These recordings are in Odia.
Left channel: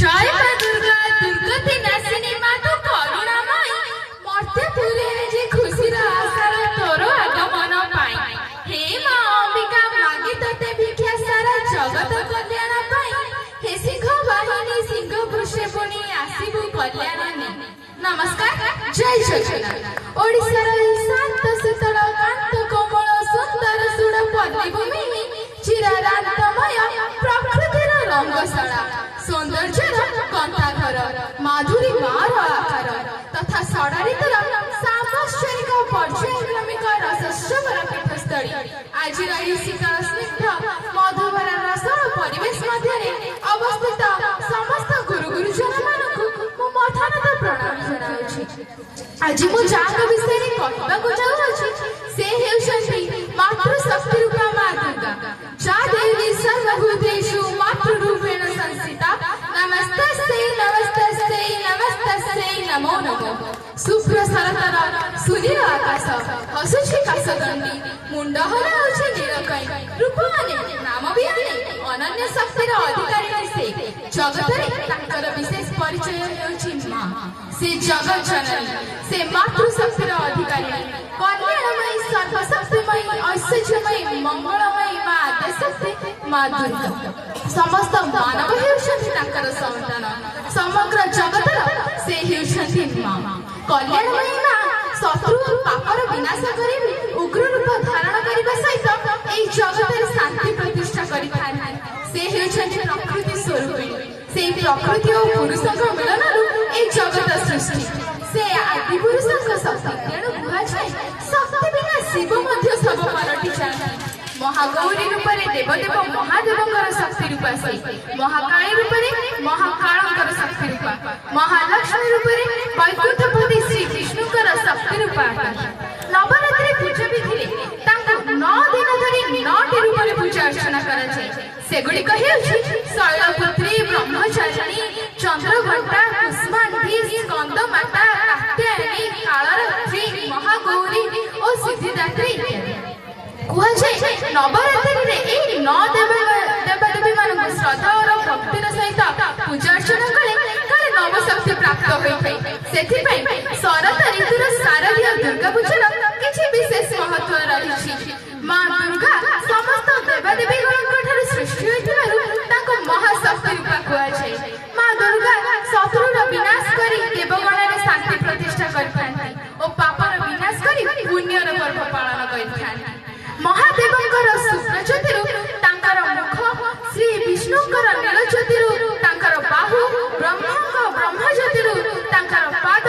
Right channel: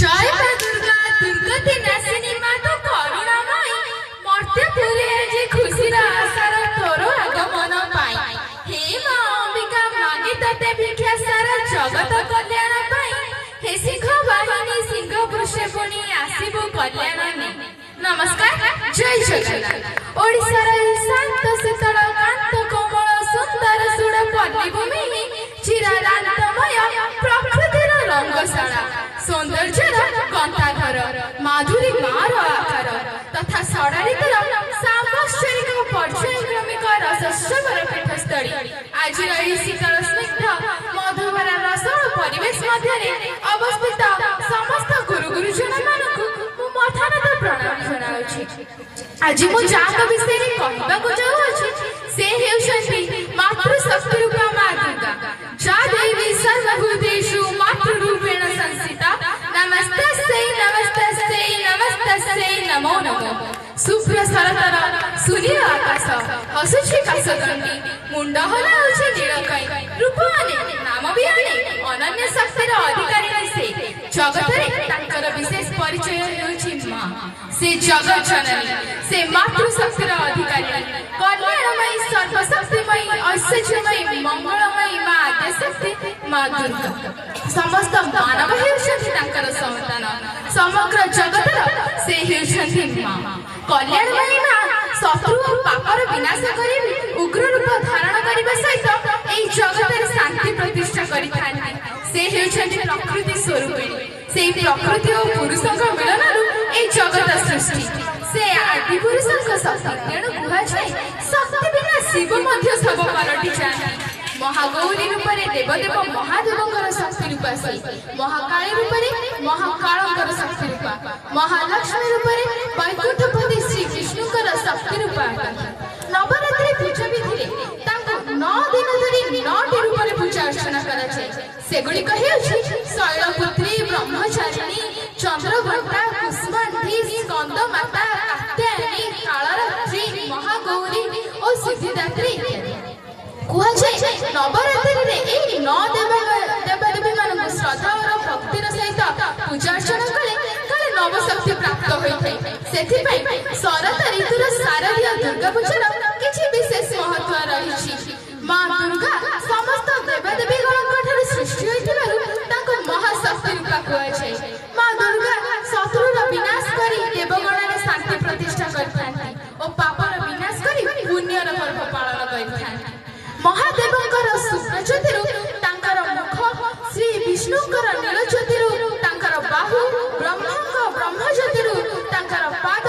জয় মা দুর্গা দুর্গতি নাসিনী মা তো করুণাময়ী মর্ত্যপুরে যে খুশির আশার তোর আগমন পাই হে মা অম্বিকা মাগি তোতে ভিক্ষা সারা জগত কল্যাণ পাই হে সিংহ বাহিনী সিংহ বৃষে পুনি আসিবু কল্যাণ নে নমস্কার জয় জগন্নাথ ওড়িশার শান্ত শীতল কান্ত কোমল সুন্দর সুড় পল্লীভূমি চিরারান্তময় প্রকৃতির রঙ্গশালা সৌন্দর্যের গন্তাঘর মাধুরী মার আকার তথা ষড়ঋতুর সামশ্বরিক পর্যায়ক্রমিক রসস্যবর পীঠস্থলী আজির এই শীতল স্নিগ্ধ মধুবর রসর পরিবেশ মধ্যে অবস্থিত সমস্ত গুরু গুরুজন মানকু মু মঠানত প্রଣାମ ଜଣାଉଛି ଆଜି ମୁଁ ଯାହାଙ୍କ ବିଷୟରେ କହିବାକୁ ଯାଉଅଛି ସେ ହେଉଛନ୍ତି ମାତୃଶକ୍ତି ରୂପା ମା ଦୁର୍ଗା ଯା ଦେବୀ ସର୍ବଭୂତେଷୁ ମାତୃରୂପେଣ ସଂସ୍ଥିତା ନମସ୍ତସ୍यै ନମସ୍ତସ୍यै ନମସ୍ତସ୍यै ନମୋ ନମଃ ଶୁଭ୍ର ଶରତର ସୁନୀଳ ଆକାଶ ହସୁଛି କାଶଦଣ୍ଡୀ ମୁଣ୍ଡ ହଲାଉଛି ନୀଳକଇଁ ରୂପ ଅନେକ ନାମ ବି ଅନେକ ଅନନ୍ୟ ଶକ୍ତିର ଅଧିକାରିଣୀ ସେ ଜଗତରେ ତାଙ୍କର ବିଶେଷ ପରିଚୟ ହେଉଛି ମା ସେ ଜଗତ ଜନନୀ ସେ ମାତୃଶକ୍ତିର ଅଧିକାରିଣୀ କଲ୍ୟାଣମୟୀ ସର୍ବଶକ୍ତିମୟୀ ଐଶ୍ୱର୍ଯ୍ୟମୟୀ ମଙ୍ଗଳମୟୀ ମା ଆଦ୍ୟଶକ୍ତି ମା ଦୁର୍ଗା ସମସ୍ତ ମାନବ ହେଉଛନ୍ତି ତାଙ୍କର ସନ୍ତାନ ସମଗ୍ର ଜଗତର ସେ ହେଉଛନ୍ତି ମା କଲ୍ୟାଣମୟୀ ମା ଶତ୍ରୁ ଓ ପାପର ବିନାଶ କରି ଉଗ୍ର ରୂପ ଧାରଣ କରିବା ସହିତ ଏହି ଜଗତରେ ଶାନ୍ତି ପ୍ରତିଷ୍ଠା କରିଥାନ୍ତି ସେ ହେଉଛନ୍ତି ପ୍ରକୃତି ସ୍ୱରୂପିଣୀ ସେହି ପ୍ରକୃତି ଓ ପୁରୁଷଙ୍କ ମିଳନରୁ ଏହି ଜଗତ ସୃଷ୍ଟି ସେ ଆଦି ପୁରୁଷଙ୍କ ଶକ୍ତି ତେଣୁ କୁହାଯାଏ ଶକ୍ତି ବିନା ଶିବ ମଧ୍ୟ ଶବ ପାଲଟି ଯାଆନ୍ତି ମହାଗୌରୀ ରୂପରେ ଦେବଦେବ ମହାଦେବଙ୍କର ଶକ୍ତି ରୂପା ସେ ମହାକାଳୀ ରୂପରେ ମହାକାଳଙ୍କର ଶକ୍ତି ରୂପା ମହାଲକ୍ଷ୍ମୀ ରୂପରେ ବୈକୁଣ୍ଠପତି ଶ୍ରୀ ବିଷ୍ଣୁଙ୍କର ଶକ୍ତି ରୂପା ନବରାତ୍ରି ପୂଜା ବିଧିରେ ତାଙ୍କୁ 9 ଦିନ ଧରି 9ଟି ରୂପରେ ପୂଜା ଅର୍ଚ୍ଚନା କରାଯାଏ ସେଗୁଡ଼ିକ ହେଉଛି ଶୈଳପୁତ୍ରୀ ବ୍ରହ୍ମଚାରିଣୀ ଚନ୍ଦ୍ରଘଣ୍ଟା କୁଷ୍ମାଣ୍ଡୀ ସ୍କନ୍ଦମାତା କାତ୍ୟାୟନୀ କାଳରାତ୍ରୀ ମହାଗୌରୀ ଓ ସିଦ୍ଧିଦାତ୍ରୀ କୁହାଯାଏ ନବରାତ୍ରିରେ ଏହି 9 ଦେବାଦେବୀ ମାନଙ୍କୁ ଶ୍ରଦ୍ଧା ଓ ଭକ୍ତିର ସହିତ ପୂଜା ଅର୍ଚ୍ଚନା କଲେ କାଳେ ନବଶକ୍ତି ପ୍ରାପ୍ତ ହୋଇଥାଏ ସେଥିପାଇଁ ଶରତ ଋତୁର ଶାରଦୀୟ ଦୁର୍ଗା ପୂଜାର କିଛି ବିଶେଷ ମହତ୍ତ୍ୱ ରହିଛି ମା ଦୁର୍ଗା ସମସ୍ତ ଦେବାଦେବୀଙ୍କ ଠାରୁ ସୃଷ୍ଟି ହୋଇଥିବାରୁ ତାଙ୍କୁ ମହାଶକ୍ତି ରୂପା କୁହାଯାଏ ମା ଦୁର୍ଗା ଶତ୍ରୁର ବିନାଶ କରି ଦେବଗଣରେ ଶାନ୍ତି ପ୍ରତିଷ୍ଠା କରିଥାନ୍ତି ଓ ପାପର ବିନାଶ କରି ପୁଣ୍ୟର ପର୍ବ ପାଳନ କରିଥାନ୍ତି ମହାଦେବଙ୍କର ଶୁକ୍ରଜ୍ୟୋତିରୁ ତାଙ୍କର ମୁଖ ଶ୍ରୀ ବିଷ୍ଣୁଙ୍କର ନୀଳଜ୍ୟୋତିରୁ ତାଙ୍କର ବାହୁ ବ୍ରହ୍ମଙ୍କ ବ୍ରହ୍ମଜ୍ୟୋତିରୁ ତାଙ୍କର ପାଦ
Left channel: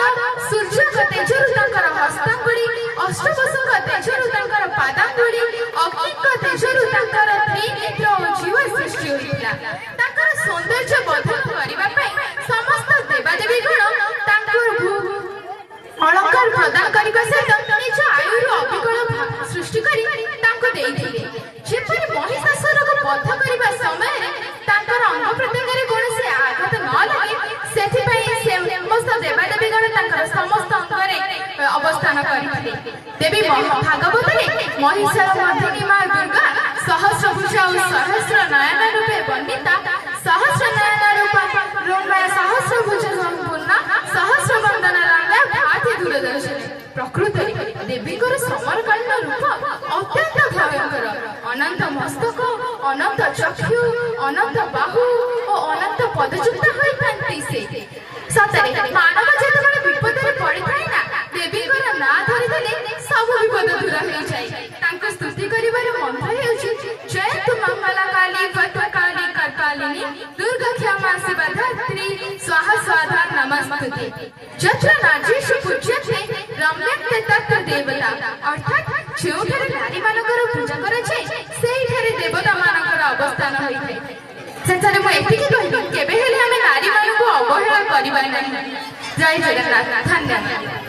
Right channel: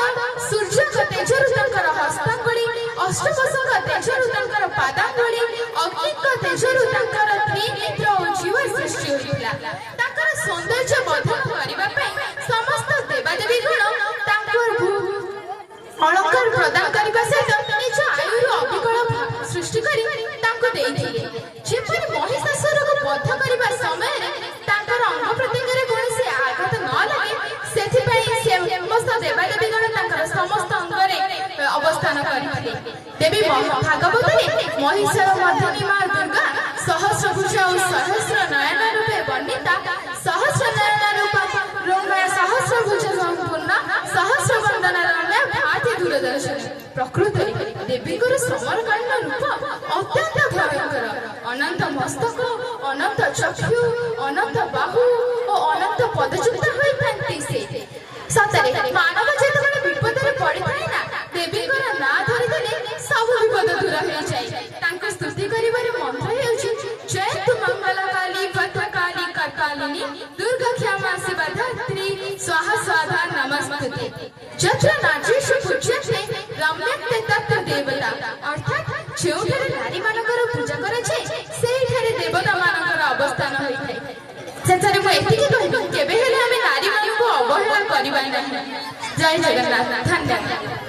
ସୂର୍ଯ୍ୟଙ୍କ ତେଜରୁ ତାଙ୍କର ହସ୍ତାଙ୍ଗୁଳି ଅଷ୍ଟବସୁଙ୍କ ତେଜରୁ ତାଙ୍କର ପାଦାଙ୍ଗୁଳି ଅଗ୍ନିଙ୍କ ତେଜରୁ ତାଙ୍କର ତ୍ରିନେତ୍ର ଓ ଜୀବ ସୃଷ୍ଟି ହୋଇଥିଲା ତାଙ୍କର ସୌନ୍ଦର୍ଯ୍ୟ ବର୍ଦ୍ଧନ କରିବା ପାଇଁ ସମସ୍ତ ଦେବାଦେବୀ ଗଣ ତାଙ୍କୁ ଅଳଙ୍କାର ପ୍ରଦାନ କରିବା ସହିତ ନିଜ ଆୟୁରୁ ଅବିକଳ ସୃଷ୍ଟି କରି ତାଙ୍କୁ ଦେଇଥିଲେ ଯେପରି ମହିଷାସୁରକୁ ବଧ କରିବା ସମୟରେ ତାଙ୍କର ଅଙ୍ଗ ପ୍ରତ୍ୟଙ୍ଗରେ କୌଣସି ଆଘାତ ନ ଲାଗେ ସେଥିପାଇଁ ସେ ସମସ୍ତ ଦେବାଦେବୀଗଣ ତାଙ୍କର ସମସ୍ତ ଅଙ୍ଗରେ ଅବସ୍ଥାନ କରିଥିଲେ ଦେବୀ ଭାଗବତରେ ମହିଷାର ମର୍ଦ୍ଦିନୀ ମା ଦୁର୍ଗା ସହସ୍ରଭୁଜ ଓ ସହସ୍ର ନୟନ ରୂପେ ବର୍ଣ୍ଣିତା ସହସ୍ର ନୟନ ରୂପା ସହସ୍ରଭୁଜ ସମ୍ପୂର୍ଣ୍ଣ ସହସ୍ର ବନ୍ଦନ ରମ୍ୟା ଭାତି ଦୂରଦର୍ଶିନୀ ପ୍ରକୃତରେ ଦେବୀଙ୍କର ସମରକାଳୀନ ରୂପ ଅତ୍ୟନ୍ତ ଭୟଙ୍କର ଅନନ୍ତ ମସ୍ତକ ଅନନ୍ତ ଚକ୍ଷୁ ଅନନ୍ତ ବାହୁ ଓ ଅନନ୍ତ ପଦଯୁକ୍ତ ହୋଇଥାନ୍ତି ସେ ସତରେ ମାନବ ଯେତେବେଳେ ବିପଦରେ ପଡ଼ିଥାଏ ନା ଦେବୀଙ୍କର ନାଁ ଧରିଦେଲେ ସବୁ ବିପଦ ଦୂର ହୋଇଯାଏ ତାଙ୍କୁ ସ୍ତୁତି କରିବାର ମନ୍ତ୍ର ହେଉଛି ଜୟତୁ ମଙ୍ଗଳକାଳୀ ଭଦ୍ରକାଳୀ କର୍ପାଳିନୀ ଦୁର୍ଗା କ୍ଷମା ଶିବଧାତ୍ରୀ ସ୍ୱାହା ସ୍ୱାଧା ନମସ୍ତୁତେ ଯତ୍ର ନାର୍ଯ୍ୟେଷୁ ପୂଜ୍ୟତେ ରମ୍ୟତେ ତତ୍ର ଦେବତା ଅର୍ଥାତ୍ ଯେଉଁଠାରେ ନାରୀମାନଙ୍କର ପୂଜା କରାଯାଏ ସେଇଠାରେ ଦେବତାମାନଙ୍କର ଅବସ୍ଥାନ ହୋଇଥାଏ ସେଠାରେ ମୁଁ ଏତିକି କହିବି କେବେ ହେଲେ ଆମେ ନାରୀମାନଙ୍କୁ ଅବହେଳା କରିବା ନାହିଁ ଜୟ ଜଗନ୍ନାଥ ଧନ୍ୟବାଦ।